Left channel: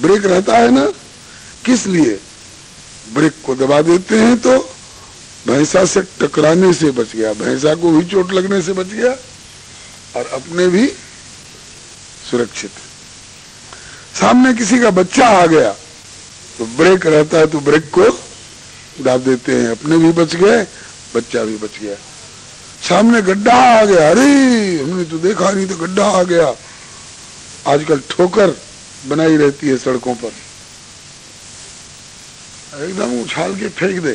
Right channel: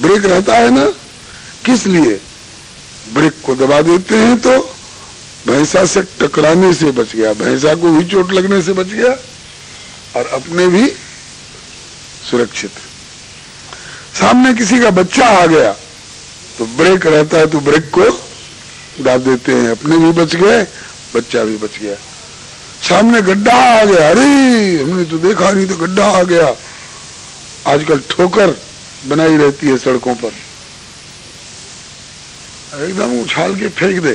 Break रहता है ना, किस लिए? ब्रेक को दबा देते हैं तो भैंसा से टकराने से बच गया, भैंसा को भी चोट लगने से बच गया और अपने भी सुरक्षित। सामने किसी का बच्चा आ गया तो ब्रेक रहता है तो ब्रेक को दाब देते हैं, अपने भी बच गए, बच्चा भी बच गया। सामने गड्ढा आ गया, अरे हमने तो देखा नहीं तो गड्ढा आ गया। आजकल ठोकर बनाई रहती है सड़कों पर, एकदम उछाल के फेंक दे,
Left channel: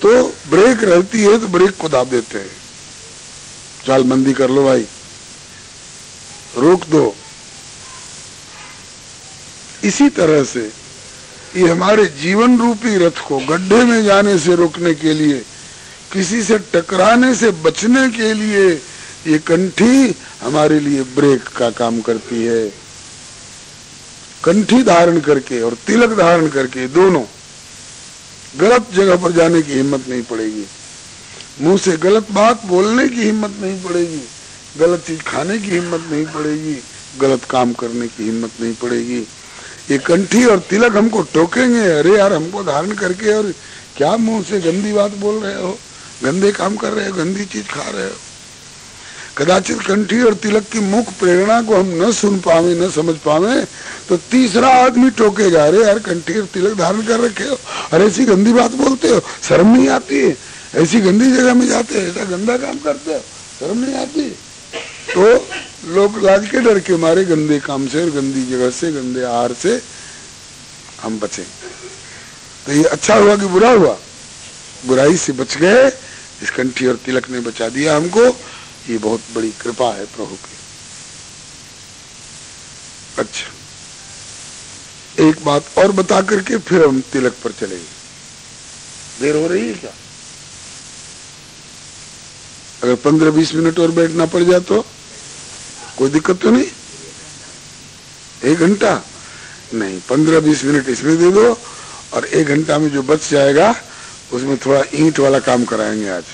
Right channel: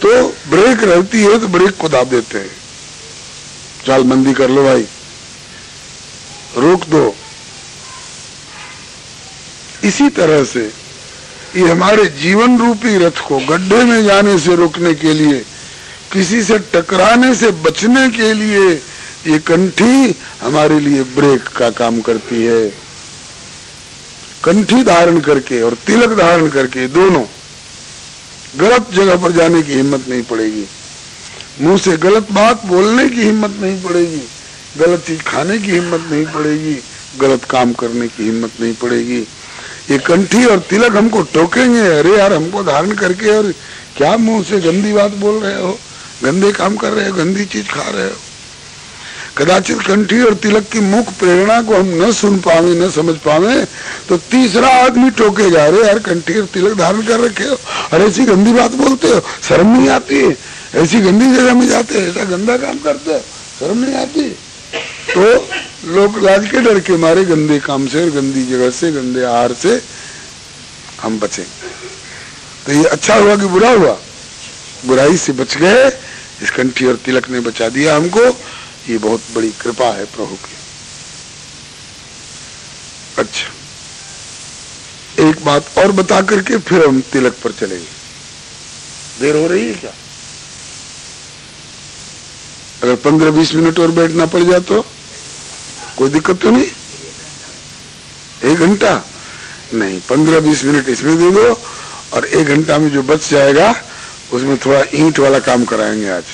तो ब्रेक रहती है तो ब्रेक को दाब देते हैं। चालबंदी कर लो भाई, रोक दो। इसी तरह से ये हमारे जीवन रूपी रथ को गड्ढे में जाने से रोकने के लिए, किसी से टकराने से बचने के लिए ये कंठी हमारे लिए ब्रेक का काम करती है। कंठी धारण करके और तिलक धारण करके दोनों गलत जगह पर जाने की हिम्मत नहीं पड़ेगी, मुंह से गलत बात बोलने की हिम्मत नहीं पड़ेगी, गलत चीज खाने की हिम्मत नहीं पड़ेगी, गलत काम करने की हिम्मत नहीं पड़ेगी। ये कंठी और तिलक हमको टोकेंगे, अरे यार हमको धारण करके और क्या मुंह से गंदी बात बोल रहे हो, गंदे काम कर रहे हो, गंदी चीज खा रहे हो। कदाचित कंठी और तिलक की मुख प्रेरणा को हम न सुन पावे, न समझ पावे, तो तीसरा आदमी टोके जा रहे, यार कंठी और तिलक धारण कर रखे हो, अरे ऐसी गंदी बात बोलते हो, शर्म नहीं आती है, ऐसी गंदी जगह में जाते हो, ऐसा गंदा काम करते हो, शर्म नहीं आती। तो लोग लाज के डर के मारे गंदे काम से और गंदी जगह से, गंदे आहार से हम बचे। तो ये अच्छा हुआ कि बुरा हुआ? बुराई से बच गए, इस कंठी और तिलक ने बचा दिया हमको। ये बहुत बड़ी कृपा है प्रभु की। अच्छा, एक बात और बता करके फिर हम तिलक पर चलेंगे। देर हो रही है क्या? अगर 15-20 मिनट और बैठना पड़ जाए तो कोई दिक्कत तो नहीं? 1 घंटा नहीं, 15-20 मिनट इसमें दे दो और 1 घंटा में जो बच जाएगा उसमें थोड़ा ईंट वाला काम कराएंगे। आज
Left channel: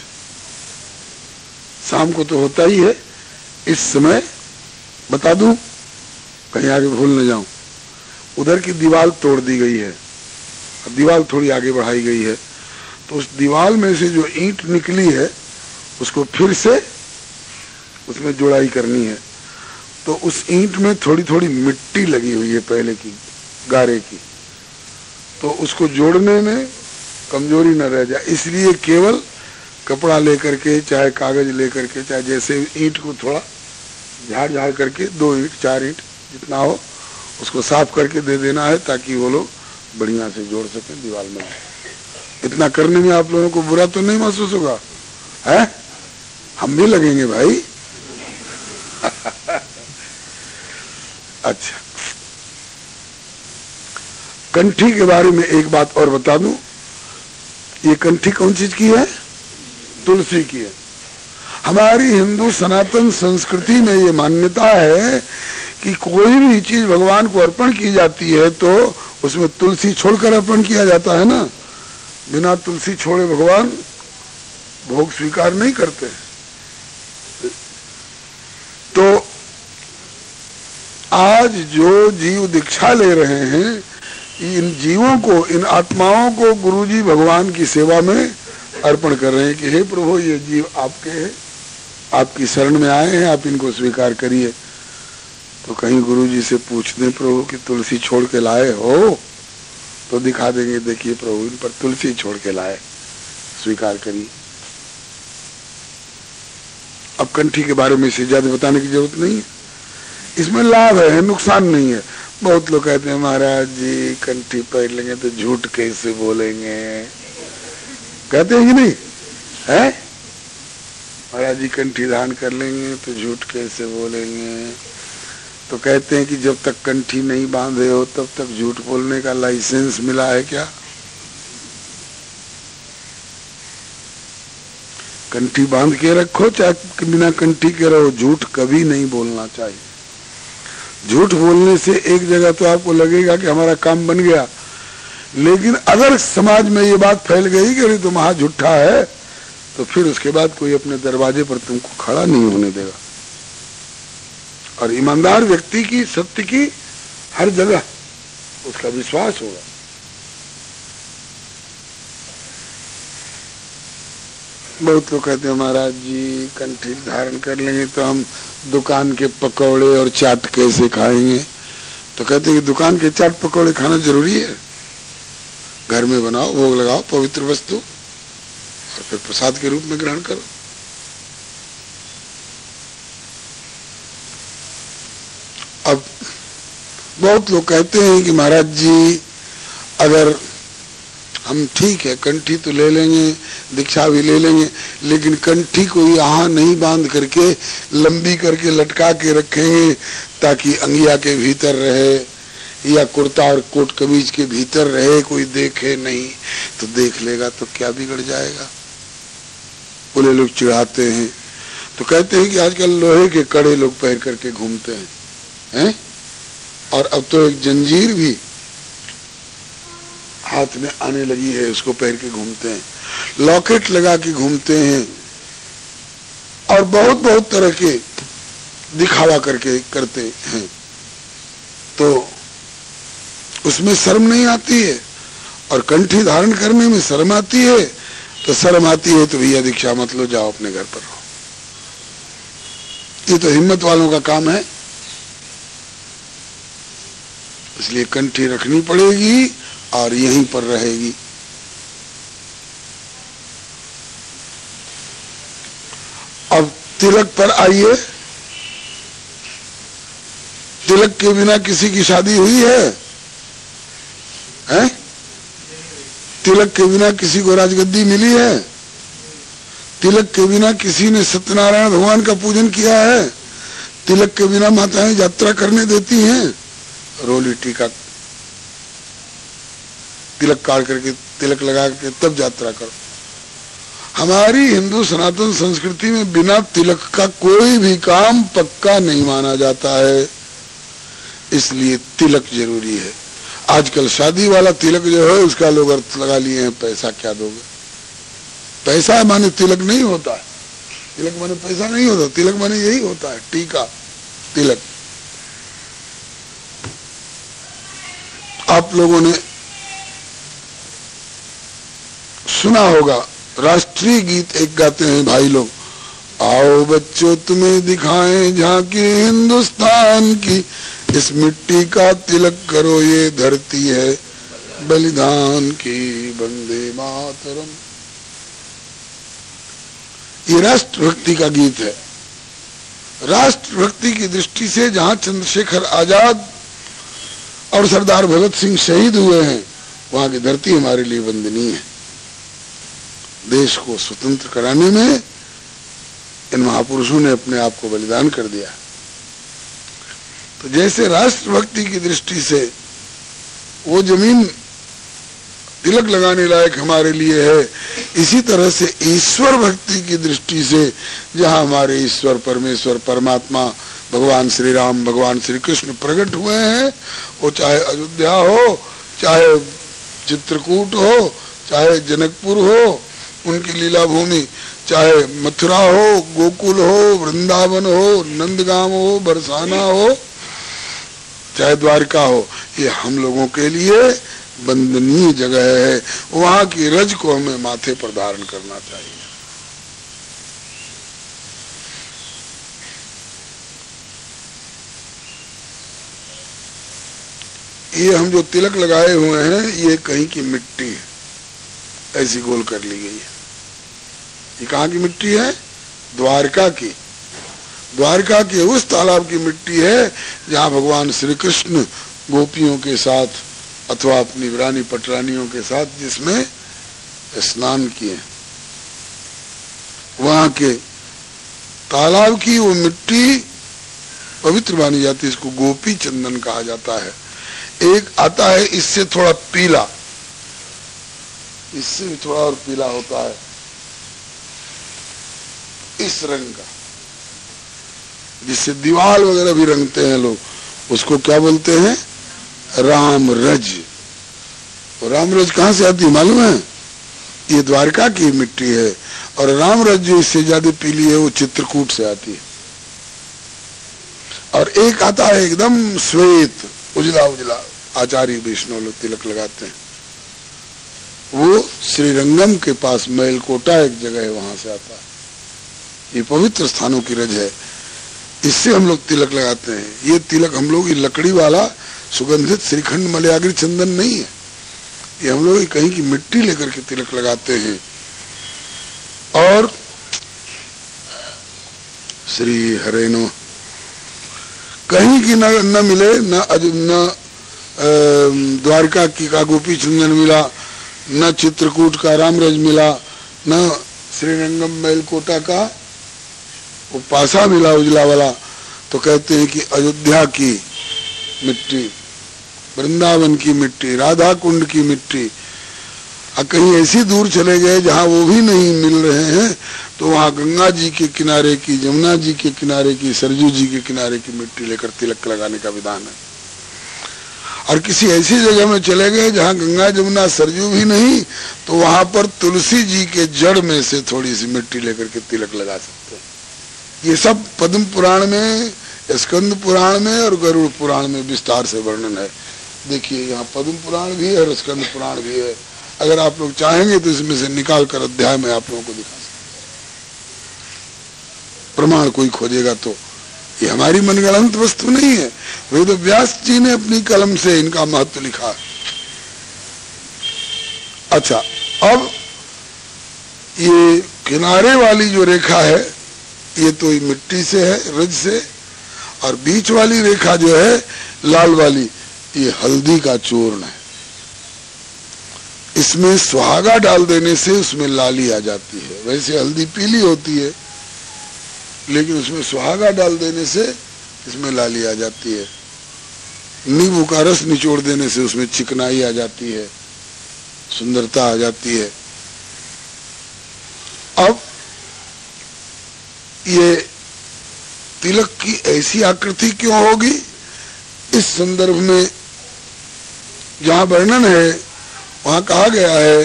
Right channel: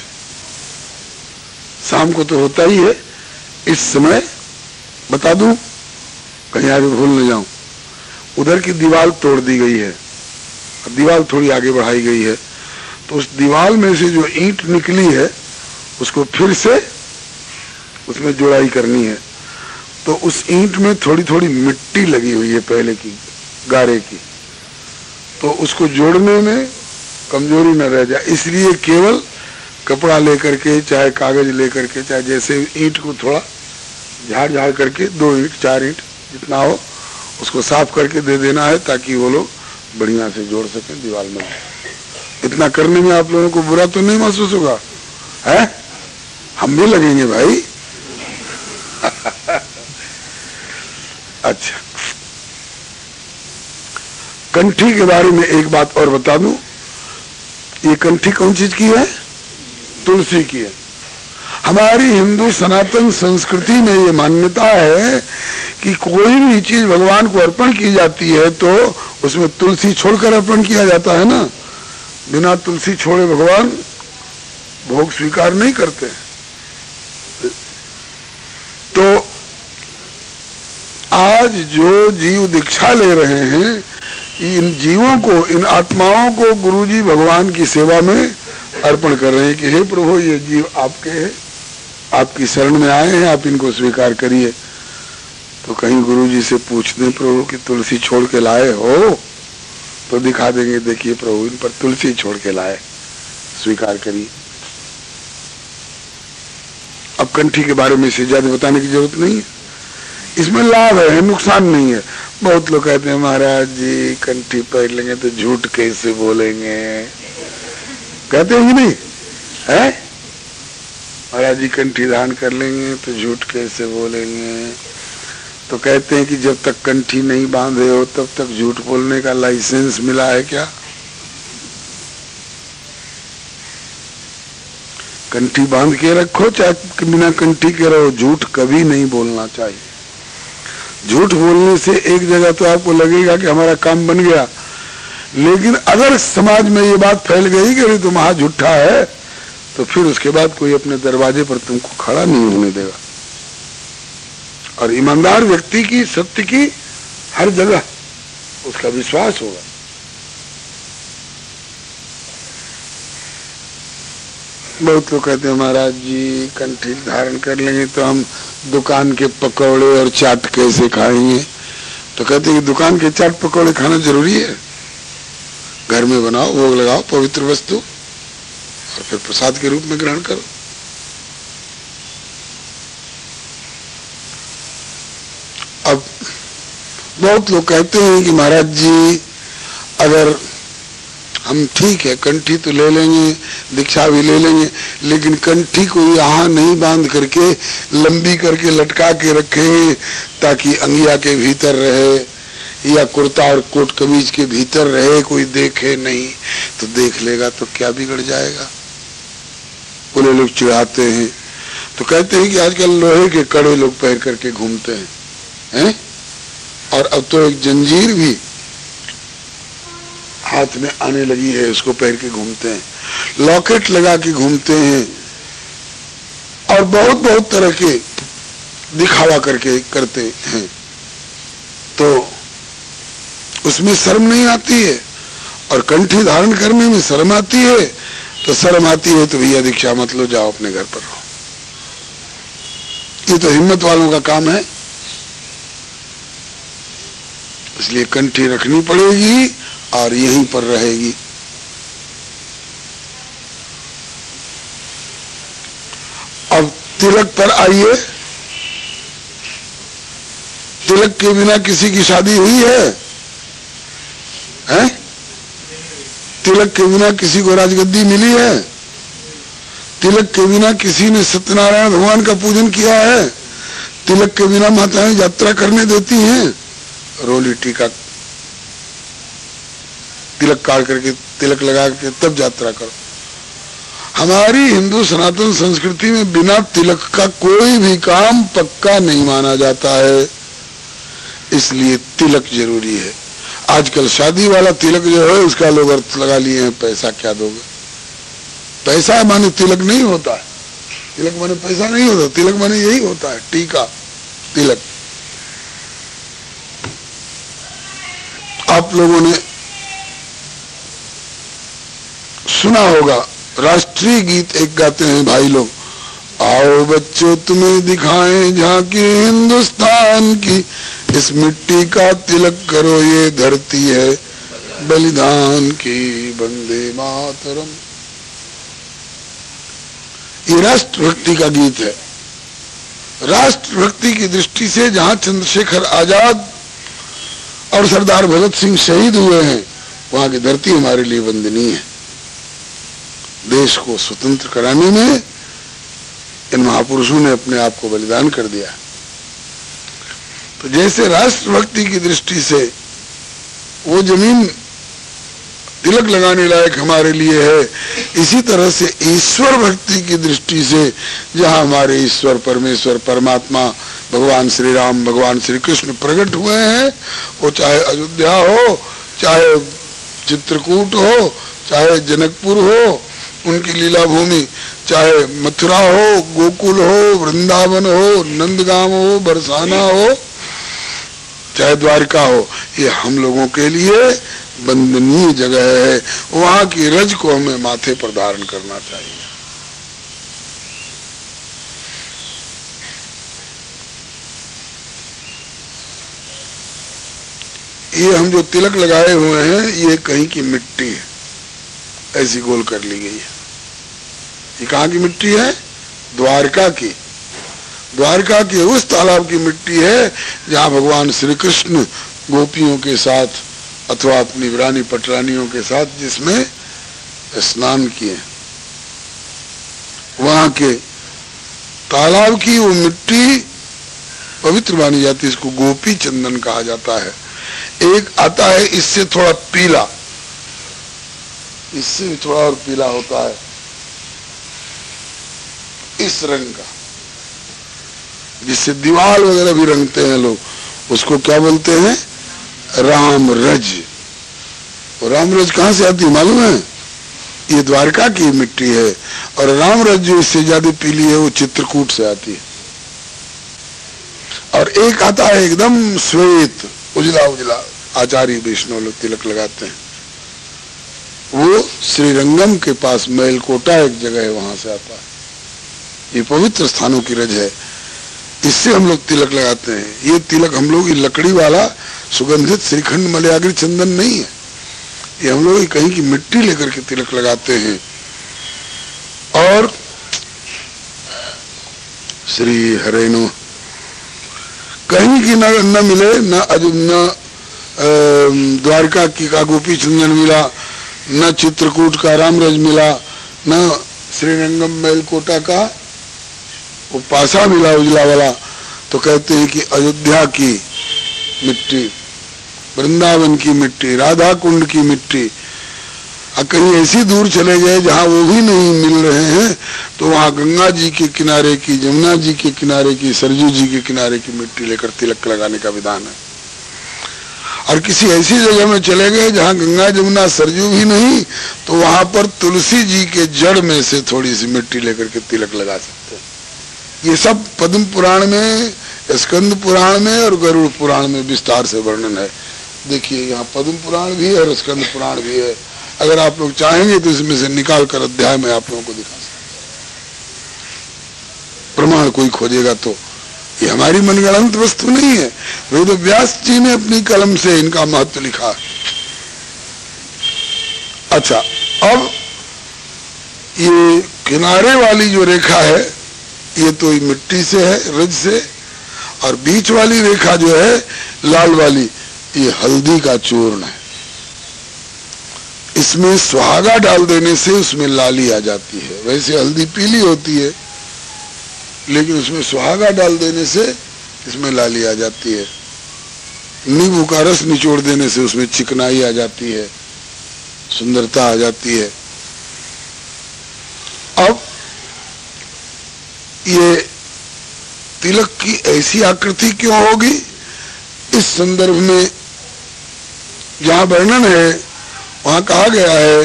शाम को तो होता ही है। इस समय बता दूं, कहीं आगे भूल न जाऊं, उधर की दीवार तोड़ दी गई है, अब दीवार थोड़ी आगे बढ़ाई गई है, तो उस दीवार में से जो ईंट निकली है उसको फिर से उसमें जोड़ाई करनी है। तो उस ईंट में थोड़ी थोड़ी मिट्टी लगी हुई है पहले की, गारे की, तो उसको जोड़ने में कमजोरी न रह जाए, इसलिए केवल कपड़ा लेकर के, चाहे कागज लेकर के, चाहे जैसे ईंट को थोड़ा झाड़ झाड़ करके 2 ईंट 4 ईंट जितना हो उसको साफ करके दे देना है, ताकि वो लोग बढ़िया से जोड़ सकें दीवार में। इतना करने में आप लोगों को बुरा तो नहीं महसूस होगा? है, हम भी लगेंगे भाई। अच्छा, कंठी के बारे में एक बात और बता दूं, ये कंठी कौन चीज की है? तुलसी की है। हमारी हिंदू सनातन संस्कृति में ये मान्यता है कि कोई भी चीज भगवान को अर्पण की जाती है तो उसमें तुलसी छोड़कर अर्पण किया जाता है ना। बिना तुलसी छोड़े भगवान भोग स्वीकार नहीं करते। तो आज जो जीव दीक्षा ले रहे हैं, इन जीवों को, इन आत्माओं को गुरुजी भगवान की सेवा में अर्पण कर रहे हैं कि हे प्रभु, ये जीव आपके हैं, आपकी शरण में आए हैं, आप इनको स्वीकार करिए। तो कहीं गुरुजी से पूछ दें प्रभु कि तुलसी छोड़ के लाए हो, तो दिखा देंगे, देखिए प्रभु इन पर तुलसी छोड़ के लाए, स्वीकार करिए। अब कंठी के बारे में इससे ज्यादा बताने की जरूरत नहीं है, इसमें लाभ है, नुकसान नहीं है। बहुत लोग कहते हैं महाराज जी कंठी पहन लेंगे तो झूठ कैसे बोलेंगे, कहते हैं कि नहीं है? महाराज जी कंठी धारण कर लेंगे तो झूठ कैसे बोलेंगे। तो कहते हैं कि जब तक कंठी नहीं बांधे हो तब तक झूठ बोलने का लाइसेंस मिला है क्या? कंठी बांध के रखो चाहे बिना कंठी के रहो, झूठ कभी नहीं बोलना चाहिए। झूठ बोलने से एक जगह तो आपको लगेगा कि हमारा काम बन गया, लेकिन अगर समाज में ये बात फैल गई कि अरे तुम झूठा है, तो फिर उसके बाद कोई अपने दरवाजे पर तुमको खड़ा नहीं होने देगा। और ईमानदार व्यक्ति की, सत्य की हर जगह उसका विश्वास होगा। बहुत लोग कहते हैं महाराज जी कंठी धारण कर लेंगे तो हम दुकान के पकौड़े और चाट कैसे खाएंगे? तो कहते हैं कि दुकान के चाट पकौड़े खाना जरूरी है? घर में बनाओ, भोग लगाओ पवित्र वस्तु और फिर प्रसाद के रूप में ग्रहण करो। अब बहुत लोग कहते हैं कि महाराज जी अगर हम ठीक है कंठी तो ले लेंगे, दीक्षा भी ले लेंगे, लेकिन कंठी को यहाँ नहीं बांध करके लंबी करके लटका के रखें ताकि अंगिया के भीतर रहे या कुर्ता और कोट कमीज के भीतर रहे, कोई देखे नहीं। तो देख लेगा तो क्या बिगड़ जाएगा? बोले लोग चिढ़ाते हैं तो कहते हैं कि आजकल लोहे के कड़े लोग पहन करके घूमते हैं, और अब तो एक जंजीर भी हाथ में आने लगी है, उसको पहन के घूमते हैं, लॉकेट लगा के घूमते हैं और बहुत बहुत तरह के दिखावा करके करते हैं। तो उसमें शर्म नहीं आती है, और कंठी धारण करने में शर्म आती है। तो शर्म आती है तो भैया दीक्षा मत लो, जाओ अपने घर पर रहो। ये तो हिम्मत वालों का काम है। इसलिए कंठी रखनी पड़ेगी और यहीं पर रहेगी। अब तिलक पर आइए। तिलक के बिना किसी की शादी हुई है? हैं? तिलक के बिना किसी को राजगद्दी मिली है? तिलक के बिना किसी ने सत्यनारायण भगवान का पूजन किया है? तिलक के बिना माताएं यात्रा करने देती हैं? रोली टीका तिलक काट करके तिलक लगा के तब यात्रा करो। हमारी हिंदू सनातन संस्कृति में बिना तिलक का कोई भी काम पक्का नहीं माना जाता है, इसलिए तिलक जरूरी है। आजकल शादी वाला तिलक जो है उसका लोग अर्थ लगा लिए हैं, पैसा क्या दोगे? पैसा माने तिलक नहीं होता है, तिलक माने पैसा नहीं होता, तिलक माने यही होता है, टीका तिलक। आप लोगों ने सुना होगा, राष्ट्रीय गीत एक गाते हैं भाई लोग, आओ बच्चों तुम्हें दिखाएं झांकी हिंदुस्तान की, इस मिट्टी का तिलक करो ये धरती है बलिदान की, वंदे मातरम। ये राष्ट्रभक्ति का गीत है। राष्ट्रभक्ति की दृष्टि से जहां चंद्रशेखर आजाद और सरदार भगत सिंह शहीद हुए हैं, वहां की धरती हमारे लिए वंदनीय है। देश को स्वतंत्र कराने में इन महापुरुषों ने अपने आप को बलिदान कर दिया। तो जैसे राष्ट्रभक्ति की दृष्टि से वो जमीन तिलक लगाने लायक हमारे लिए है, इसी तरह से ईश्वर भक्ति की दृष्टि से जहाँ हमारे ईश्वर परमेश्वर परमात्मा भगवान श्री राम भगवान श्री कृष्ण प्रकट हुए हैं, वो चाहे अयोध्या हो, चाहे चित्रकूट हो, चाहे जनकपुर हो उनकी लीला भूमि, चाहे मथुरा हो, गोकुल हो, वृंदावन हो, नंदगांव हो, बरसाना हो, चाहे द्वारका हो, ये हम लोगों के लिए वंदनीय जगह है। वहां की रज को हमें माथे पर धारण करना चाहिए। ये हम जो तिलक लगाए हुए हैं ये कहीं की मिट्टी है, ऐसी गोल कर ली गई है। ये कहाँ की मिट्टी है? द्वारका की। द्वारका के उस तालाब की मिट्टी है जहाँ भगवान श्री कृष्ण गोपियों के साथ अथवा अपनी रानी पटरानियों के साथ जिसमें स्नान किए, वहां के तालाब की वो मिट्टी पवित्र मानी जाती है। इसको गोपी चंदन कहा जाता है। एक आता है इससे थोड़ा पीला, इससे भी थोड़ा और पीला होता है, इस रंग का, जिससे दीवार वगैरह भी रंगते हैं लोग, उसको क्या बोलते हैं? राम रज। और राम रज कहाँ से आती है मालूम है? ये द्वारका की मिट्टी है। और राम रज जो इससे ज्यादा पीली है वो चित्रकूट से आती है। और एक आता है एकदम श्वेत, उजला उजला आचार्य वैष्णव लोग तिलक लगाते हैं। वो श्रीरंगम के पास मैलकोटा एक जगह है, वहां से आता है। ये पवित्र स्थानों की रज है, इससे हम लोग तिलक लगाते हैं। ये तिलक हम लोग लकड़ी वाला सुगंधित श्रीखंड मलयाग्री चंदन नहीं है, ये हम लोग कहीं की मिट्टी लेकर के तिलक लगाते हैं। और श्री हरे नमः कहीं की न मिले, न द्वारका की का गोपी चंदन मिला, न चित्रकूट का रामरज मिला, न श्रीरंगम मैलकोटा का वो पासा मिला उजला वाला, तो कहते हैं कि अयोध्या की मिट्टी, वृंदावन की मिट्टी, राधा कुंड की मिट्टी। और कहीं ऐसी दूर चले गए जहाँ वो भी नहीं मिल रहे हैं, तो वहाँ गंगा जी के किनारे की, जमुना जी के किनारे की, सरजू जी के किनारे की मिट्टी लेकर तिलक लगाने का विधान है। और किसी ऐसी जगह में चले गए जहाँ गंगा जमुना सरजू भी नहीं, तो वहां पर तुलसी जी के जड़ में से थोड़ी सी मिट्टी लेकर के तिलक लगा सकते हैं। ये सब पद्म पुराण में, स्कंद पुराण में और गरुड़ पुराण में विस्तार से वर्णन है। देखिए यहाँ पद्म पुराण भी है और स्कंद पुराण भी है। अगर आप लोग चाहेंगे तो इसमें से निकाल कर अध्याय में आप लोगों को दिखा सकते, प्रमाण कोई खोजेगा तो। ये हमारी मनगढ़ंत वस्तु नहीं है, वेद व्यास जी ने अपनी कलम से इनका महत्व लिखा। अच्छा, अब ये किनारे वाली जो रेखा है ये तो मिट्टी से है, रज से, और बीच वाली रेखा जो है लाल वाली, ये हल्दी का चूर्ण है। इसमें सुहागा डाल देने से उसमें लाली आ जाती है। वैसे हल्दी पीली होती है, लेकिन उसमें सुहागा डाल देने से इसमें लाली आ जाती है। नींबू का रस निचोड़ देने से उसमें चिकनाई आ जाती है, सुंदरता आ जाती है। अब ये तिलक की ऐसी आकृति क्यों होगी? इस संदर्भ में जहां वर्णन है वहां कहा गया है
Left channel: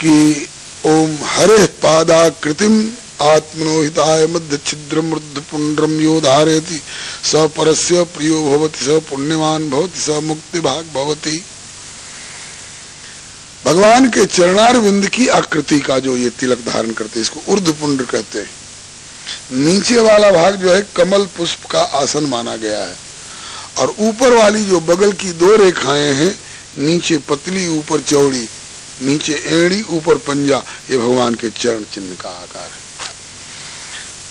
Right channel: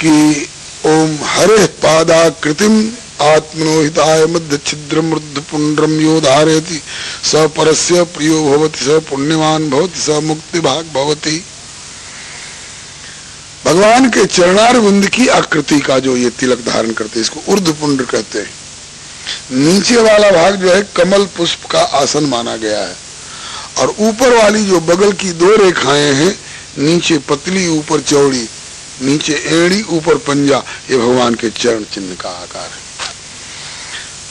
कि ओम हरे पादाकृतिम आत्मनोहिताय मध्य छिद्र मृद पुंड्रम यो धारयति स परस्य प्रियो भवति स पुण्यवान भवति स मुक्ति भाग भवति। भगवान के चरणारविंद की आकृति का जो ये तिलक धारण करते हैं, इसको ऊर्ध्व पुंड्र कहते हैं। नीचे वाला भाग जो है कमल पुष्प का आसन माना गया है, और ऊपर वाली जो बगल की दो रेखाएं हैं, नीचे पतली ऊपर चौड़ी, नीचे एड़ी ऊपर पंजा, ये भगवान के चरण चिन्ह का आकार है।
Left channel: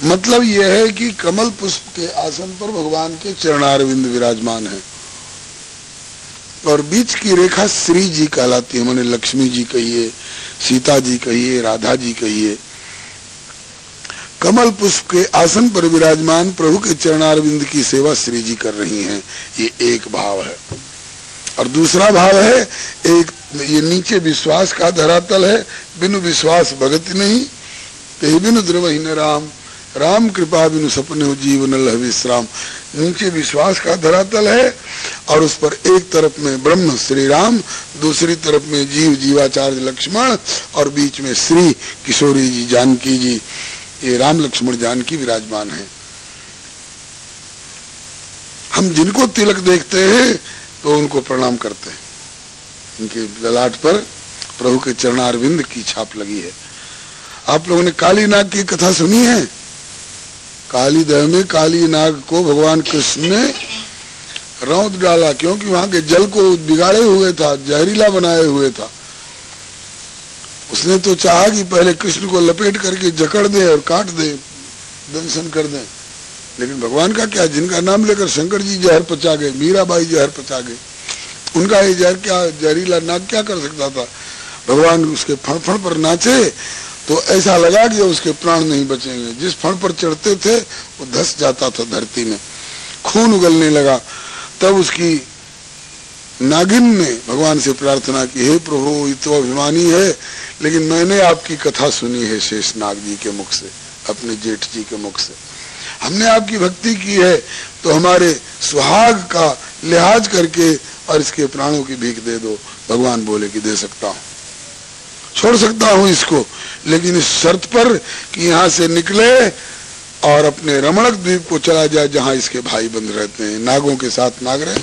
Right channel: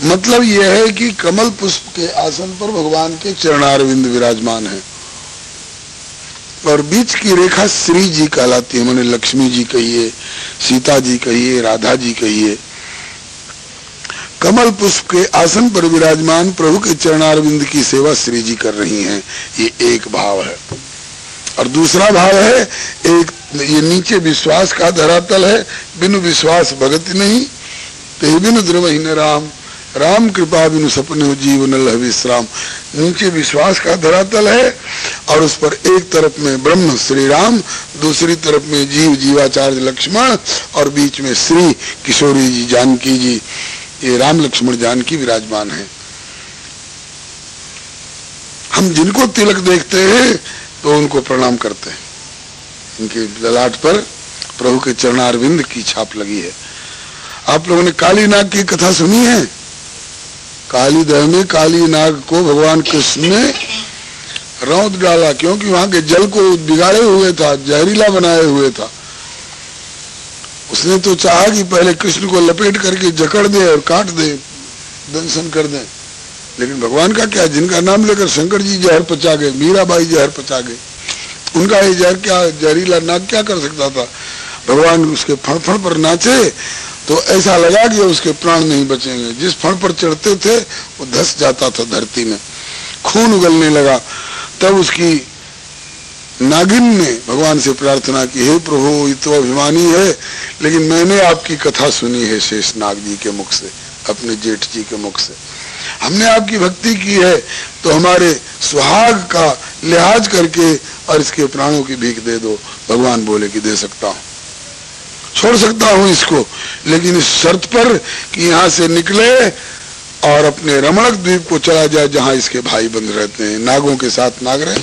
मतलब यह है कि कमल पुष्प के आसन पर भगवान के चरणारविंद विराजमान है, और बीच की रेखा श्री जी कहलाती है। मैंने लक्ष्मी जी कहिए, सीता जी कहिए, राधा जी कहिए। कमल पुष्प के आसन पर विराजमान प्रभु के चरणारविंद की सेवा श्री जी कर रही हैं, ये एक भाव है। और दूसरा भाव है, एक ये नीचे विश्वास का धरातल है, बिनु विश्वास भगति नहीं, ते बिनु द्रवहि न राम, राम कृपा बिनु सपने जीवन लह विश्राम। नीचे विश्वास का धरातल है, और उस पर एक तरफ में ब्रह्म श्री राम, दूसरी तरफ में जीव जीवाचार्य लक्ष्मण, और बीच में श्री किशोरी जी जानकी जी, ये राम लक्ष्मण जानकी विराजमान है। हम जिनको तिलक देखते हैं तो उनको प्रणाम करते हैं, इनके ललाट पर प्रभु के चरणारविंद की छाप लगी है। आप लोगों ने काली नाग की कथा सुनी है? काली दह में काली नाग को भगवान कृष्ण ने रौंद डाला, क्योंकि वहां के जल को बिगाड़े हुए था, जहरीला बनाए हुए था। उसने तो चाहा कि पहले कृष्ण को लपेट करके जकड़ दे और काट दे, दंशन कर दे, लेकिन भगवान का क्या, जिनका नाम लेकर शंकर जी जहर पचा गए, मीराबाई जहर पचा गए, उनका ये जहर क्या, जहरीला नाग क्या कर सकता था? भगवान उसके फड़फड़ पर नाचे तो ऐसा लगा कि उसके प्राण नहीं बचेंगे। जिस फड़ पर चढ़ते थे वो धस जाता था धरती में, खून उगलने लगा। तब उसकी नागिन ने भगवान से प्रार्थना की, हे प्रभु, ये तो अभिमानी है, लेकिन मैंने आपकी कथा सुनी है शेष नाग जी के मुख से, अपने जेठ जी के मुख से। हमने आपकी भक्ति की है, तो हमारे सुहाग का लिहाज करके और इसके प्राणों की भीख दे दो। भगवान बोले कि दे सकता हूँ, छोड़ सकता हूँ इसको, लेकिन इस शर्त पर कि यहाँ से निकले और अपने रमणक द्वीप को चला जाए, जहाँ इसके भाई बंद रहते हैं, नागों के साथ नाग रहे।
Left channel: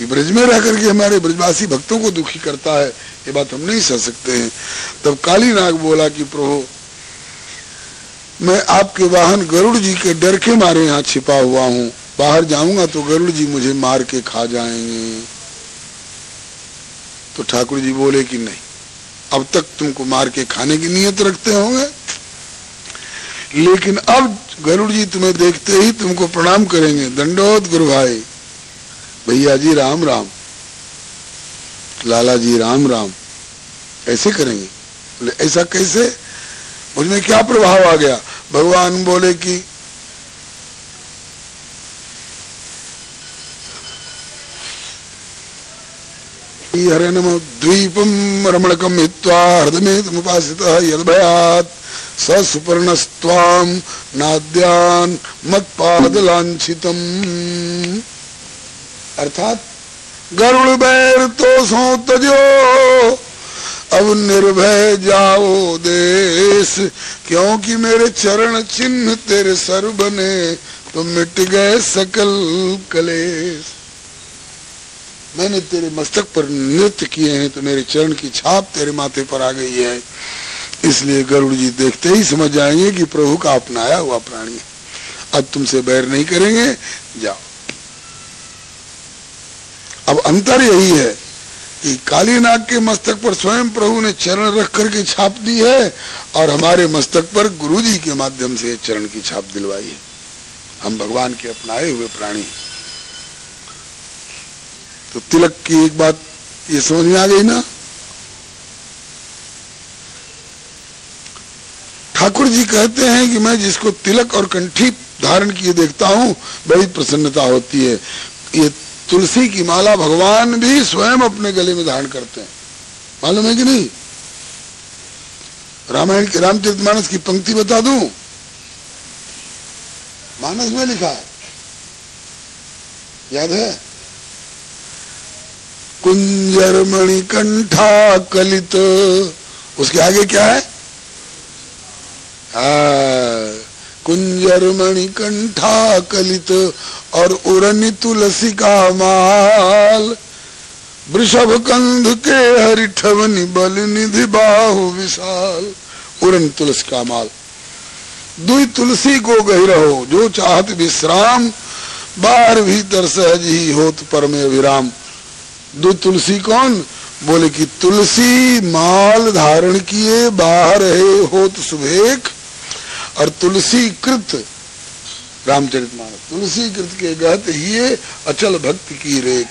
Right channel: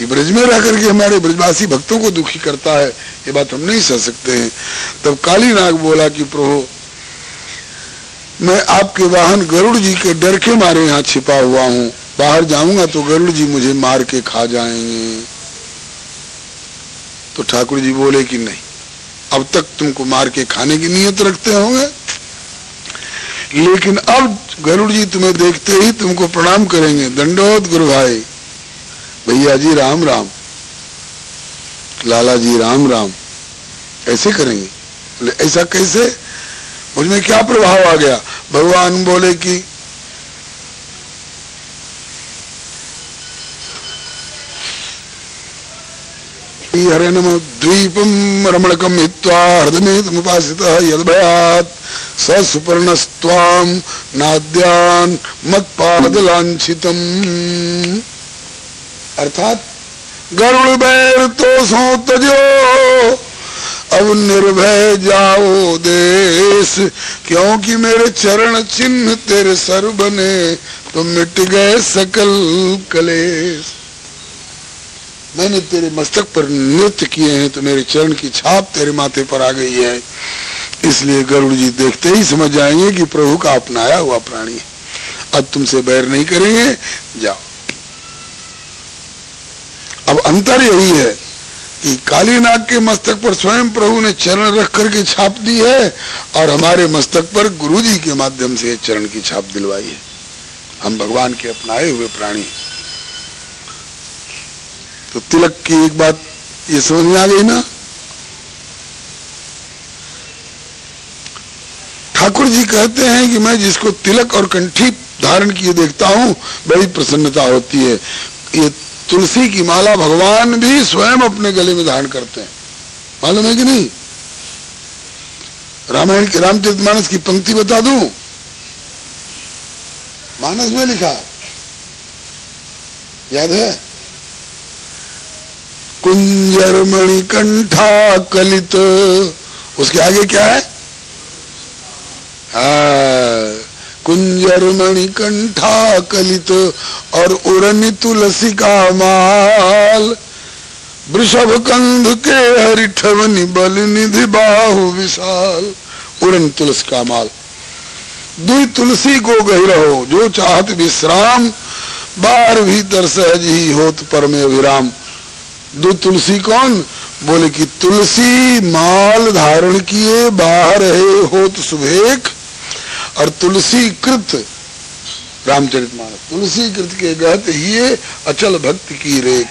ये ब्रज में रह करके हमारे ब्रजवासी भक्तों को दुखी करता है, ये बात हम नहीं सह सकते हैं। तब काली नाग बोला कि प्रभु मैं आपके वाहन गरुड़ जी के डर के मारे यहाँ छिपा हुआ हूँ, बाहर जाऊंगा तो गरुड़ जी मुझे मार के खा जाएंगे। तो ठाकुर जी बोले कि नहीं, अब तक तुमको मार के खाने की नीयत रखते होंगे, लेकिन अब गरुड़ जी तुम्हें देखते ही तुमको प्रणाम करेंगे। दंडोत गुरु भाई, भैया जी राम राम, लाला जी राम राम, ऐसे करेंगे। बोले ऐसा कैसे, मुझमें क्या प्रभाव आ गया? भगवान बोले कि हरे नमो द्वीपम रमणकम हित्वा हृदयमेतमुपासितः यद्भयात् स सुपर्णस्त्वाम नाद्यान मत्पादलांछितम। अर्थात गरुड़ बैर तो सो तजो, अब निर्भय जाओ देश, क्योंकि मेरे चरण चिन्ह तेरे सर बने तो मिट गए सकल कलेश। मैंने तेरे मस्तक पर नृत्य किए हैं तो मेरे चरण की छाप तेरे माथे पर आ गई है, इसलिए गरुड़ जी देखते ही समझ जाएंगे कि प्रभु का अपनाया हुआ प्राणी है, अब तुमसे बैर नहीं करेंगे, जाओ। अब अंतर यही है कि काली नाग के मस्तक पर स्वयं प्रभु ने चरण रख करके छाप दी है और हमारे मस्तक पर गुरु जी के माध्यम से चरण की छाप दिलवाई है। हम भगवान के अपनाए हुए प्राणी। तो तिलक की एक बात ये समझ में आ गई ना। ठाकुर जी कहते हैं कि मैं जिसको तिलक और कंठी धारण किए देखता हूँ बड़ी प्रसन्नता होती है। ये तुलसी की माला भगवान भी स्वयं अपने गले में धारण करते हैं, मालूम है कि नहीं? रामायण के रामचरितमानस की पंक्ति बता दूं, मानस में लिखा, याद है? कुंजर मणिकंठा कलित, उसके आगे क्या है? कुंजर मणिकंठा कलित और उड़न तुलसी का माल, वृषभ कंध के हरिठवनि बल निधि बाहु विशाल। उड़न तुलसी का माल, दी तुलसी को गही रहो जो चाहत विश्राम, बाहर भीतर सहज ही होत परम विराम। दो तुलसी कौन? बोले कि तुलसी माल धारण किए बाहर है होत सुभेख, और तुलसी कृत रामचरितमानस, तुलसी कृत के गहत ये अचल भक्त की रेख।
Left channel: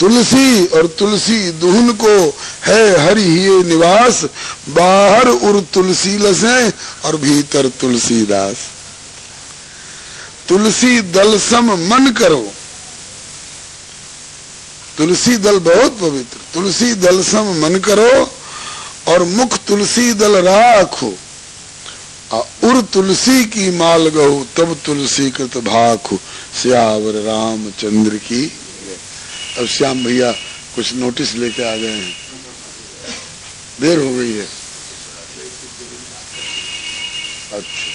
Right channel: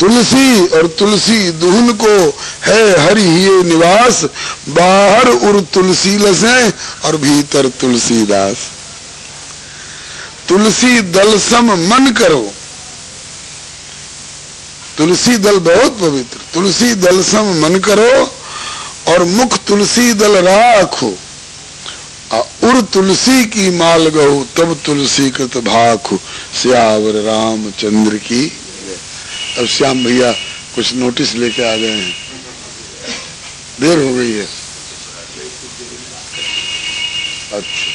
तुलसी और तुलसी दुहन को है हरि ये निवास, बाहर उर तुलसी लसें और भीतर तुलसीदास। तुलसी दल सम मन करो, तुलसी दल बहुत पवित्र, तुलसी दल सम मन करो और मुख तुलसी दल राखो, उर तुलसी की माल गहु तब तुलसी कृत भाखु। श्यावर रामचंद्र की। अब श्याम भैया कुछ नोटिस लेके आ गए हैं, देर हो गई है। अच्छा,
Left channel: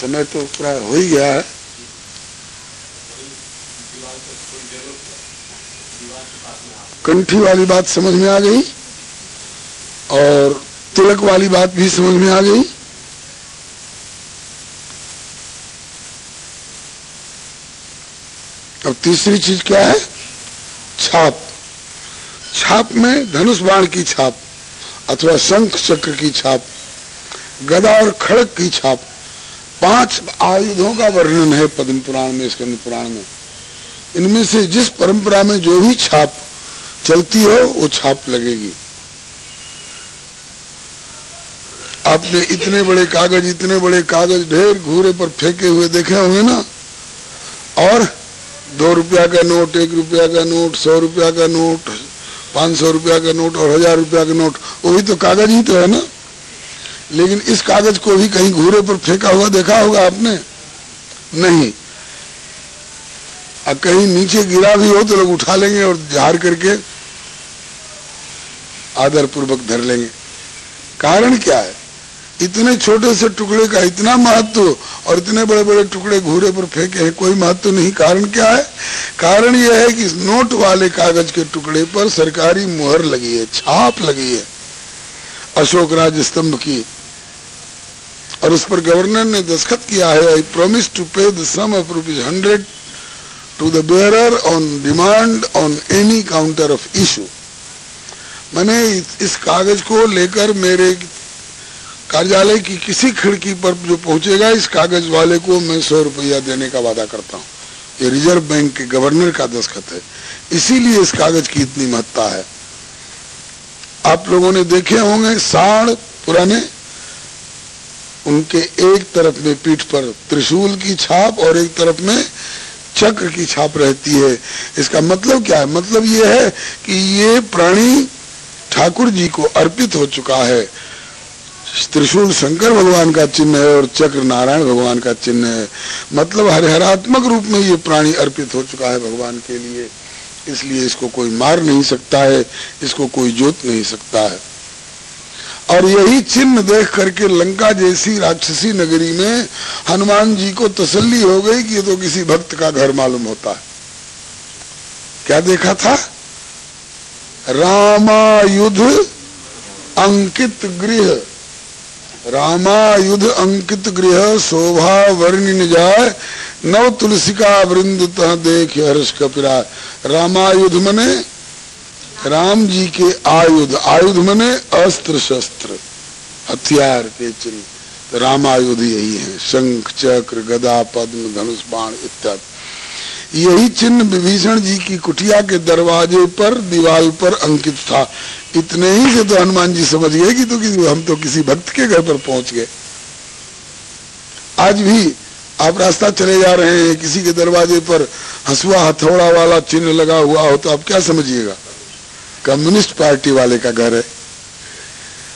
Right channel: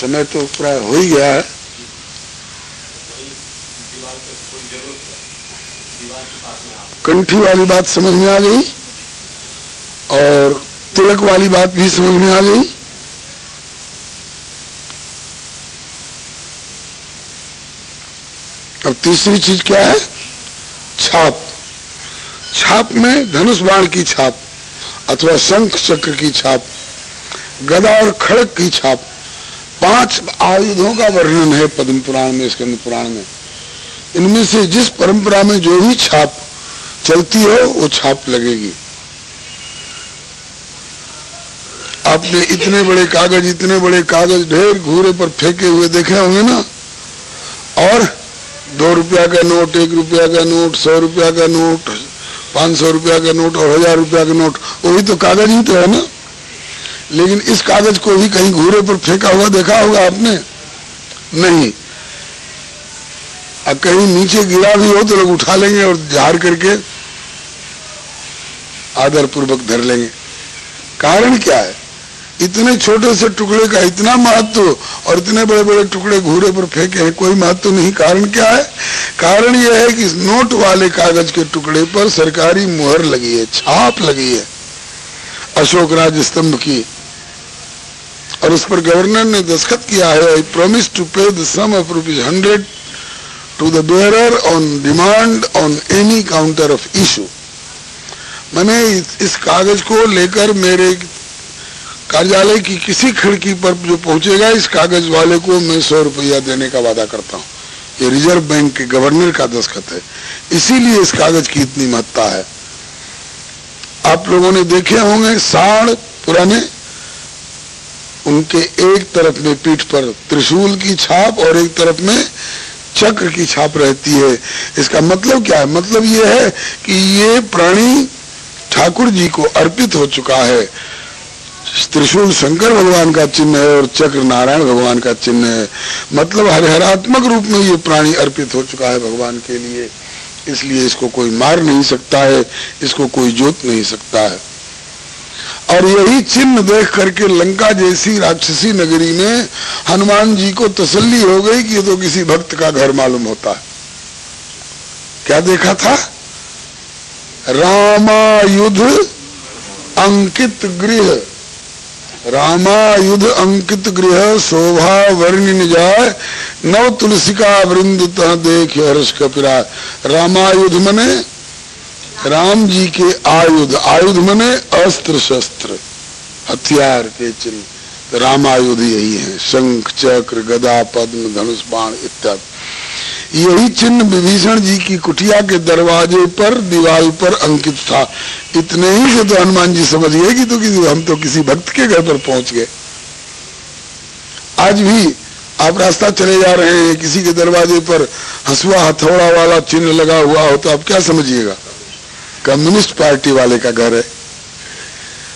समय तो प्राय हो ही गया है। कंठी वाली बात समझ में आ गई और तिलक वाली बात भी समझ में आ गई। अब तीसरी चीज क्या है? छाप। छाप में धनुष बाण की छाप अथवा शंख चक्र की छाप, गदा और खड़ग की छाप, 5 आयुधों का वर्णन है पद्म पुराण में, स्कंद पुराण में। इनमें से जिस परंपरा में जो भी छाप चलती हो वो छाप लगेगी। आपने इतने बड़े कागज ढेर घूरे पर फेंके हुए देखे होंगे ना, और 2 रुपया का नोट, 1 रुपया का नोट, 100 रुपया का नोट, 500 रुपया का नोट और 1000 रुपया का नोट, वो भी तो कागज ही तो है ना। लेकिन इस कागज को भी कहीं घूरे पर फेंका हुआ देखा होगा आपने? नहीं। अब कहीं नीचे गिरा भी हो तो लोग उठा लेंगे और झाड़ करके आदर पूर्वक धर लेंगे। कारण क्या है? इतने छोटे से टुकड़े का इतना महत्व और इतने बड़े बड़े टुकड़े घूरे पर फेंके हैं, कोई महत्व नहीं। कारण क्या है? कारण यह है कि नोट वाले कागज के टुकड़े पर सरकारी मुहर लगी है, छाप लगी है अशोक राज स्तंभ की, और इस पर गवर्नर ने दस्तखत किया है, I promise to pay the sum of ₹100 to the bearer on demand on any counter of issue. मैंने इस कागज को लेकर मेरे कार्यालय की किसी खिड़की पर जो पहुंचेगा, इस कागज वाले को मैं ₹100 देने का वादा करता हूं। ये रिजर्व बैंक के गवर्नर का दस्तखत है, इसीलिए इस कागज की इतनी महत्ता है। आप लोगों ने देखे होंगे सांड पुराने, उनके एक तरफ में पीठ पर त्रिशूल की छाप और एक तरफ में चक्र की छाप रहती है। इसका मतलब क्या है? मतलब ये है कि ये प्राणी ठाकुर जी को अर्पित हो चुका है। त्रिशूल शंकर भगवान का चिन्ह है और चक्र नारायण भगवान का चिन्ह है। मतलब हरिहरात्मक रूप में ये प्राणी अर्पित हो चुका है भगवान के लिए, इसलिए इसको कोई मार नहीं सकता है, इसको कोई जोत नहीं सकता है। और यही चिन्ह देख करके लंका जैसी राक्षसी नगरी में हनुमान जी को तसल्ली हो गई कि ये तो किसी भक्त का घर मालूम होता है। क्या देखा था? रामायुध अंकित गृह, रामायुध अंकित गृह शोभा वर्णिन जाय, नव तुलसिका वृंदित देख हर्ष कपिरा। रामायुध मने राम जी के आयुध, आयुध मने अस्त्र शस्त्र हथियार के चिन्ह, रामायुध यही है, शंख चक्र गदा पद्म धनुष बाण इत्यादि। यही चिन्ह विभीषण जी की कुटिया के दरवाजे पर दीवार पर अंकित था। इतने ही से तो हनुमान जी समझ गए कि हम तो किसी भक्त के घर पर पहुंच गए। आज भी आप रास्ता चले जा रहे हैं, किसी के दरवाजे पर हंसुआ हथौड़ा वाला चिन्ह लगा हुआ हो तो आप क्या समझिएगा? कम्युनिस्ट पार्टी वाले का घर है।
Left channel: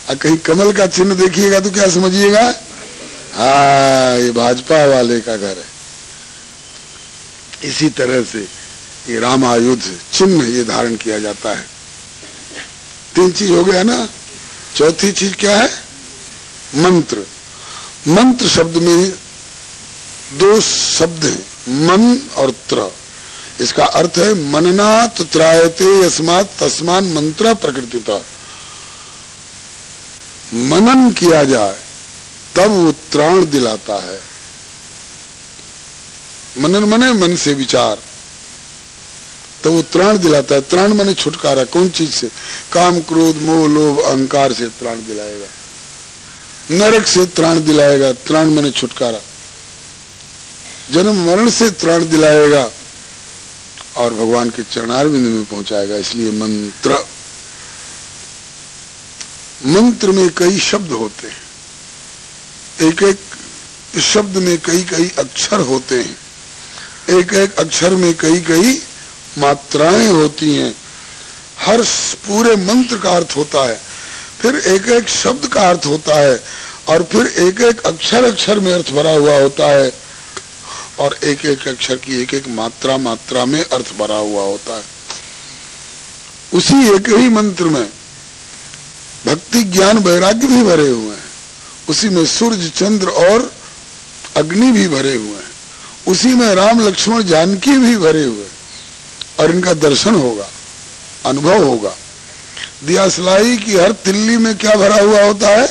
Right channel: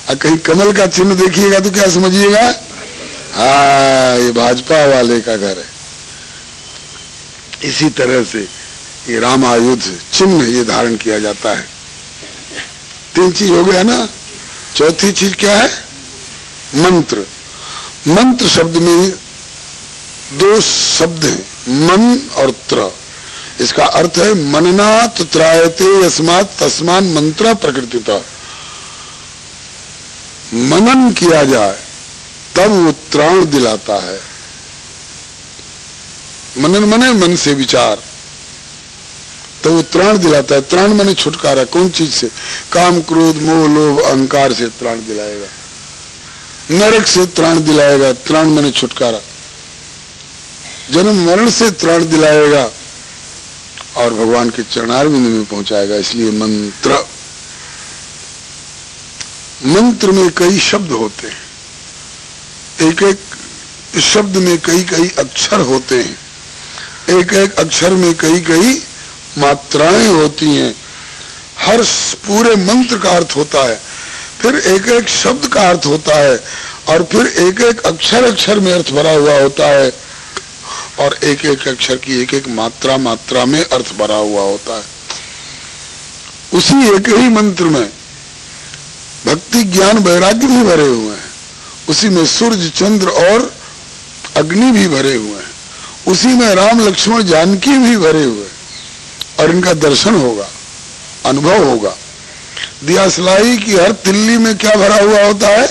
और कहीं कमल का चिन्ह देखिएगा तो क्या समझिएगा? हाँ, ये भाजपा वाले का घर है। इसी तरह से ये रामायुध चिन्ह ये धारण किया जाता है। 3 चीज हो गया ना। चौथी चीज क्या है? मंत्र। मंत्र शब्द में 2 शब्द हैं, मन और त्र। इसका अर्थ है मननात् त्रायते यस्मात् तस्मान् मंत्र प्रकृतिता। मनन किया जाए तब वो त्राण दिलाता है। मनन मने मन से विचार, तो वो त्राण दिलाता है। त्राण मने छुटकारा। कौन चीज से? काम क्रोध मोह लोभ अहंकार से त्राण दिलाएगा, नरक से त्राण दिलाएगा। त्राण मने छुटकारा। जन्म मरण से त्राण दिलाएगा और भगवान के चरणारविंद में पहुंचाएगा। इसलिए मंत्र। मंत्र में कई शब्द होते हैं, एक एक शब्द में कई कई अक्षर होते हैं, एक एक अक्षर में कई कई मात्राएं होती हैं। हर पूरे मंत्र का अर्थ होता है, फिर एक एक शब्द का अर्थ होता है, और फिर एक एक अक्षर अक्षर में अर्थ भरा हुआ होता है, और एक एक अक्षर की एक एक मात्रा मात्रा में अर्थ भरा हुआ होता है। उसी एक ही मंत्र में भक्ति ज्ञान वैराग्य भी भरे हुए हैं, उसी में सूर्य चंद्र और अग्नि भी भरे हुए हैं, उसी में राम लक्ष्मण जानकी भी भरे हुए हैं, और इनका दर्शन होगा, अनुभव होगा। दियासलाई की हर तिल्ली में क्या भरा हुआ होता है?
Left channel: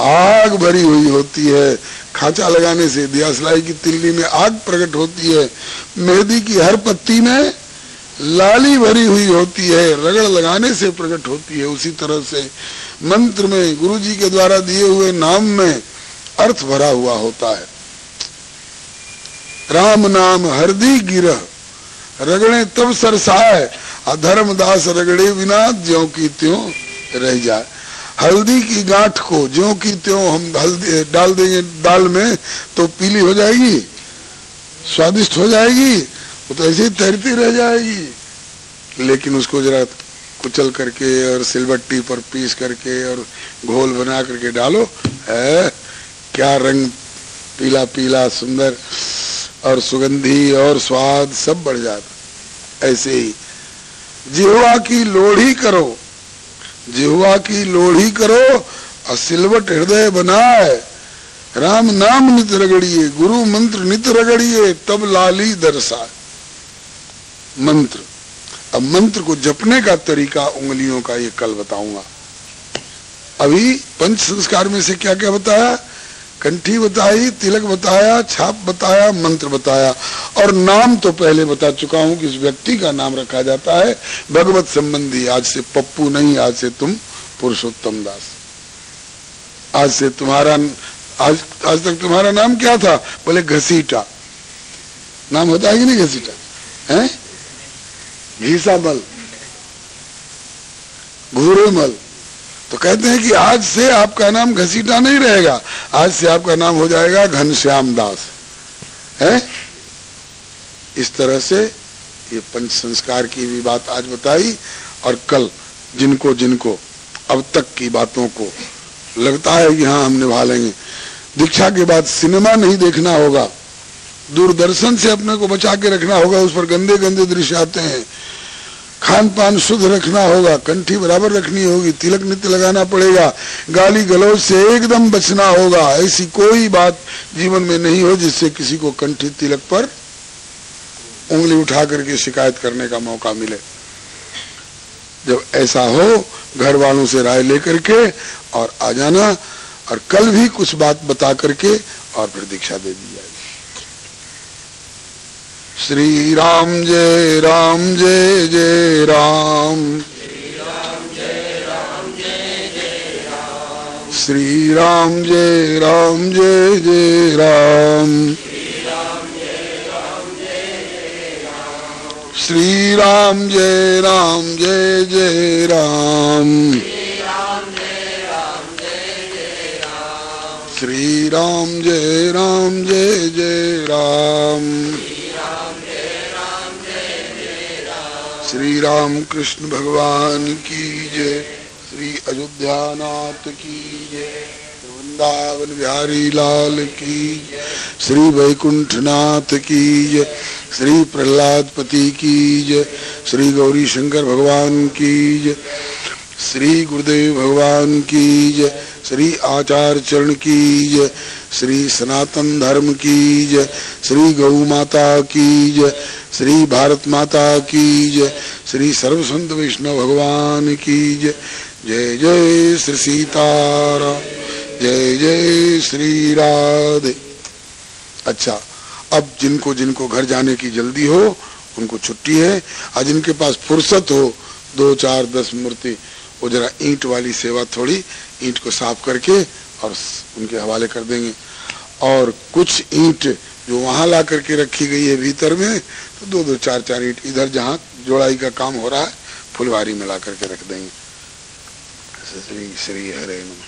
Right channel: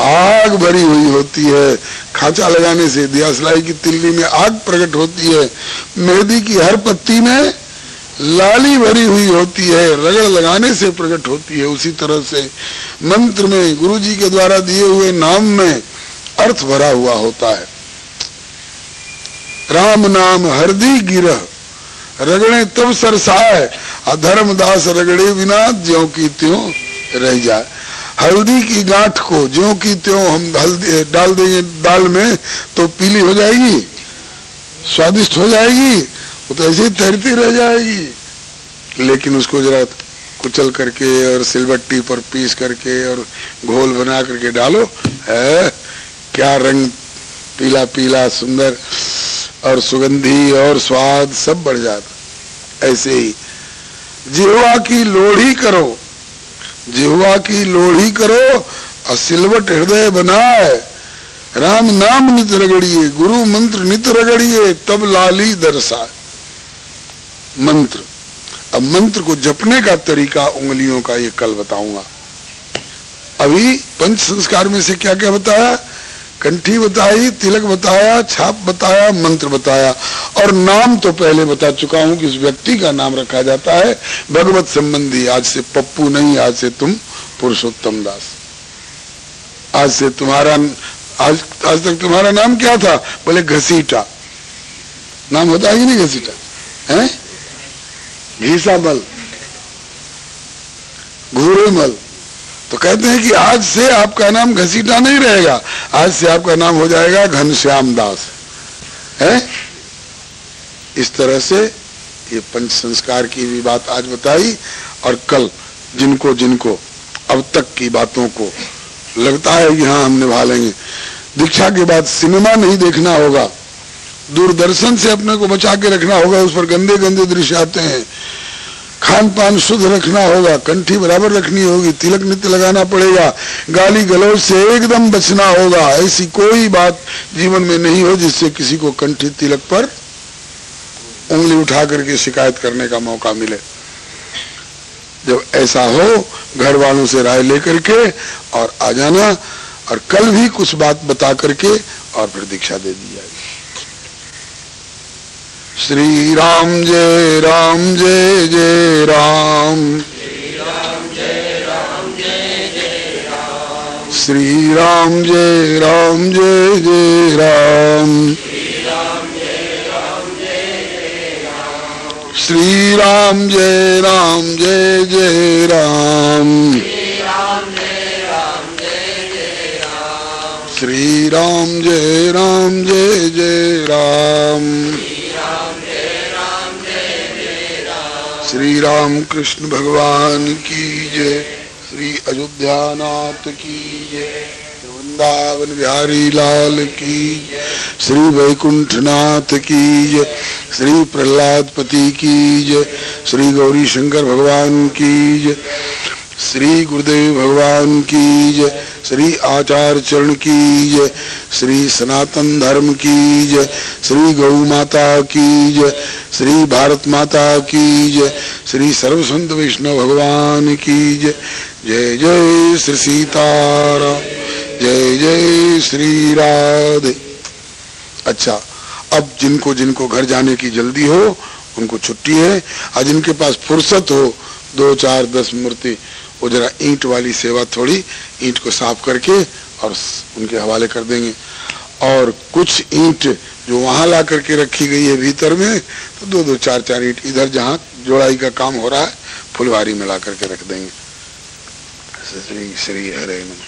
आग भरी हुई होती है। खांचा लगाने से दियासलाई की तिल्ली में आग प्रकट होती है। मेहंदी की हर पत्ती में लाली भरी हुई होती है, रगड़ लगाने से प्रकट होती है। उसी तरह से मंत्र में, गुरु जी के द्वारा दिए हुए नाम में अर्थ भरा हुआ होता है। राम नाम हरदी गिरह, रगड़े तब सरसाए, अधर्मदास रगड़े बिना ज्यों की त्यों रह जाए। हल्दी की गांठ को ज्यों की त्यों हम हल्दी डाल देंगे दाल में तो पीली हो जाएगी, स्वादिष्ट हो जाएगी, वो तो ऐसे ही तैरती रह जाएगी। लेकिन उसको जरा कुचल करके और सिलबट्टी पर पीस करके और घोल बना करके डालो, है क्या रंग, पीला पीला सुंदर और सुगंधी और स्वाद सब बढ़ जाता। ऐसे ही जिह्वा की लोढ़ी करो, जिह्वा की लोढ़ी करो, सिलवट हृदय बनाए, राम नाम नित रगड़िए, गुरु मंत्र नित रगड़िए, तब लाली दरसाए। मंत्र, अब मंत्र को जपने का तरीका उंगलियों का ये कल बताऊंगा। अभी पंच संस्कार में से क्या क्या बताया? कंठी बताई, तिलक बताया, छाप बताया, मंत्र बताया, और नाम तो पहले बता चुका हूं कि इस व्यक्ति का नाम रखा जाता है भगवत संबंधी। आज से पप्पू नहीं, आज से तुम पुरुषोत्तम दास। आज से तुम्हारा आज तक तुम्हारा नाम क्या था? बोले घसीटा। नाम होता है कि नहीं घसीटा? है घीसामल, घूरेमल। तो कहते हैं कि आज से आपका नाम घसीटा नहीं रहेगा, आज से आपका नाम हो जाएगा घनश्याम दास। है इस तरह से ये पंच संस्कार की भी बात आज बताई। और कल जिनको जिनको अब तक की बातों को लगता है कि हाँ हम निभा लेंगे, दीक्षा के बाद सिनेमा नहीं देखना होगा, दूरदर्शन से अपने को बचा के रखना होगा, उस पर गंदे गंदे दृश्य आते हैं, खान पान शुद्ध रखना होगा, कंठी बराबर रखनी होगी, तिलक नित्य लगाना पड़ेगा, गाली गलौज से एकदम बचना होगा। ऐसी कोई बात जीवन में नहीं हो जिससे किसी को कंठी तिलक पर उंगली उठा करके शिकायत करने का मौका मिले। जब ऐसा हो, घर वालों से राय लेकर के और आ जाना, और कल भी कुछ बात बता करके और फिर दीक्षा दे दी जाएगी। श्री राम जय राम जय जय राम, श्री राम जय राम जय जय राम, श्री राम जय राम जय जय राम, श्री राम जय राम जय जय राम, श्री राम जय राम जय जय राम, श्री राम कृष्ण भगवान की जय, श्री अयोध्यानाथ की जय, वृंदावन बिहारी लाल की जय, श्री वैकुंठनाथ की जय, श्री प्रहलाद पति की जय, श्री गौरी शंकर भगवान की जय, श्री गुरुदेव भगवान की जय, श्री आचार्य चरण की जय, श्री सनातन धर्म की जय, श्री गौ माता की जय, श्री भारत माता की जय, श्री सर्व संत वैष्णव भगवान की जय। जय जय श्री सीताराम, जय जय श्री राधे। अच्छा, अब जिनको जिनको घर जाने की जल्दी हो उनको छुट्टी है, और जिनके पास फुर्सत हो 2, 4, 10 मूर्ति, वो जरा ईंट वाली सेवा, थोड़ी ईंट को साफ करके और उनके हवाले कर देंगे। और कुछ ईंट जो वहां ला करके रखी गई है भीतर में, तो 2-2, 4-4 ईंट इधर जहाँ जोड़ाई का काम हो रहा है फुलवारी में ला करके रख देंगे। श्री श्री हरे नमः।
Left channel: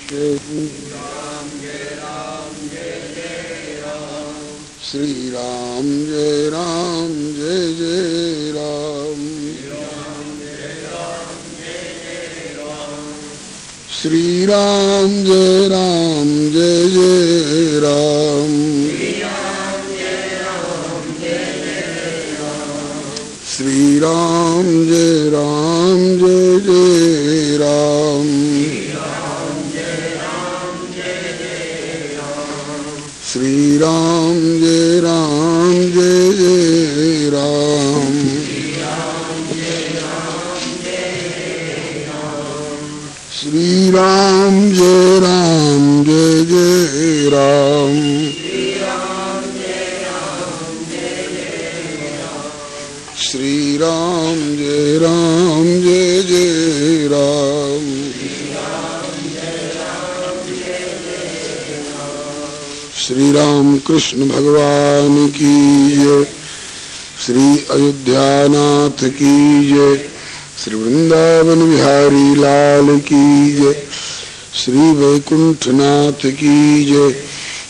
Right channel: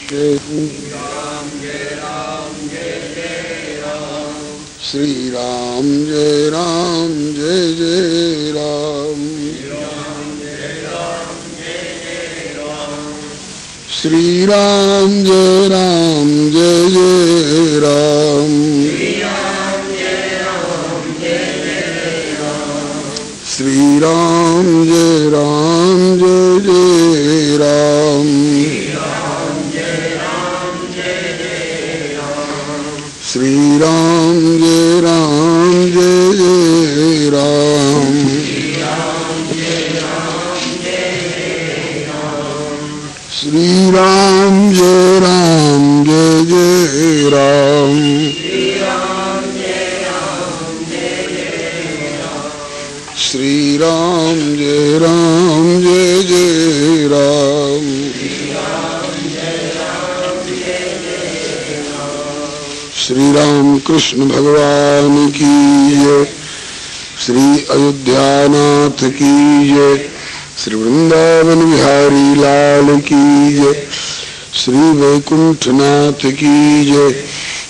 श्री राम जय राम जय जय राम, श्री राम जय राम जय जय राम, श्री राम जय राम जय जय राम, श्री राम जय राम जय जय राम, श्री राम जय राम जय जय राम, श्री राम जय राम जय जय राम, श्री राम कृष्ण भगवान की जय, श्री अयोध्यानाथ की जय, श्री वृंदावन बिहारी लाल की जय, श्री वैकुंठनाथ की जय,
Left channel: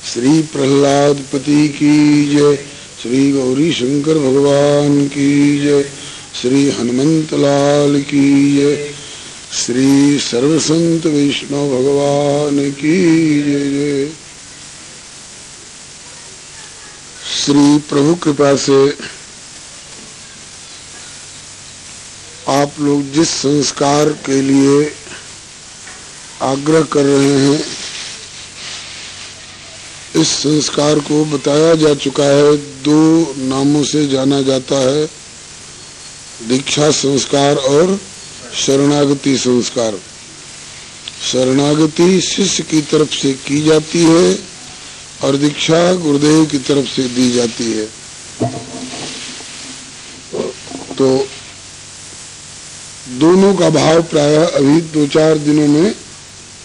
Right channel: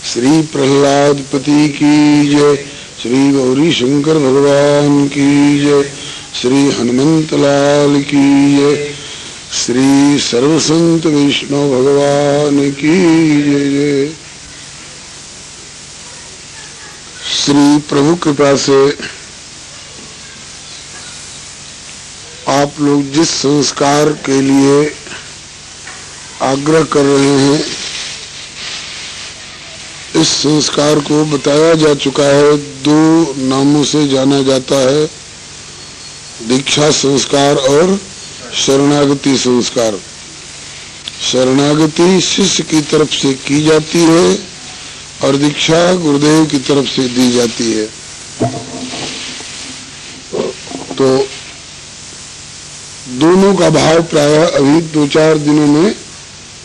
श्री प्रहलाद पति की जय, श्री गौरी शंकर भगवान की जय, श्री हनुमंत लाल की जय, श्री सर्वसंत वैष्णव भगवान की जय जय। श्री प्रभु कृपा से आप लोग जिस संस्कार के लिए आग्रह कर रहे हैं। इस संस्कार को बताया जा चुका है, 2 नामों से जाना जाता है, दीक्षा संस्कार और शरणागति संस्कार। शरणागति शिष्य की तरफ से की जाती है और दीक्षा गुरुदेव की तरफ से दी जाती है। तो दोनों का भाव प्रायः अभी 2-4 दिनों में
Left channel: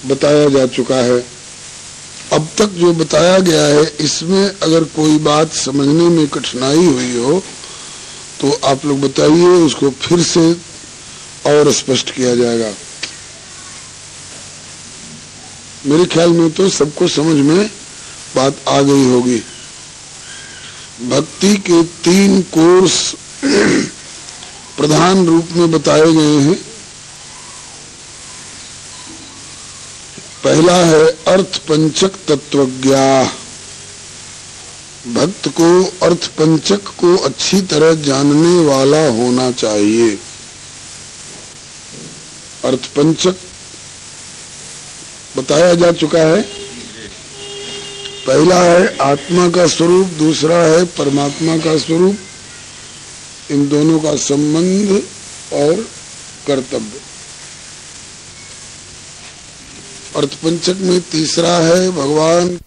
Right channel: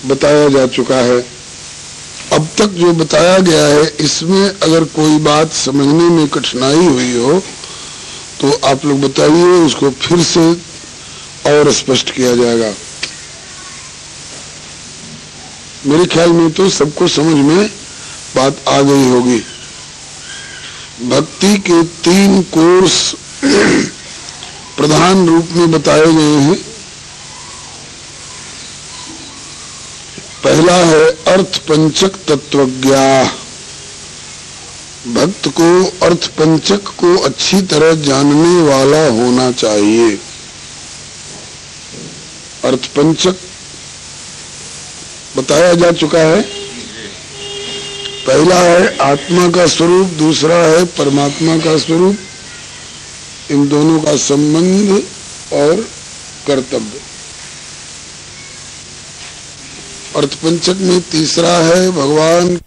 बताया जा चुका है। अब तक जो बताया गया है, इसमें अगर कोई बात समझने में कठिनाई हुई हो तो आप लोग बताइए, उसको फिर से और स्पष्ट किया जाएगा। मेरे ख्याल में तो सबको समझ में बात आ गई होगी। भक्ति के 3 कोर्स प्रधान रूप में बताए गए हैं। पहला है अर्थ पंचक तत्वज्ञा। भक्त को अर्थ पंचक को अच्छी तरह जानने वाला होना चाहिए। अर्थ पंचक बताया जा चुका है। पहला है आत्मा का स्वरूप, दूसरा है परमात्मा का स्वरूप, इन दोनों का संबंध और कर्तव्य। अर्थपंचक में तीसरा है भगवान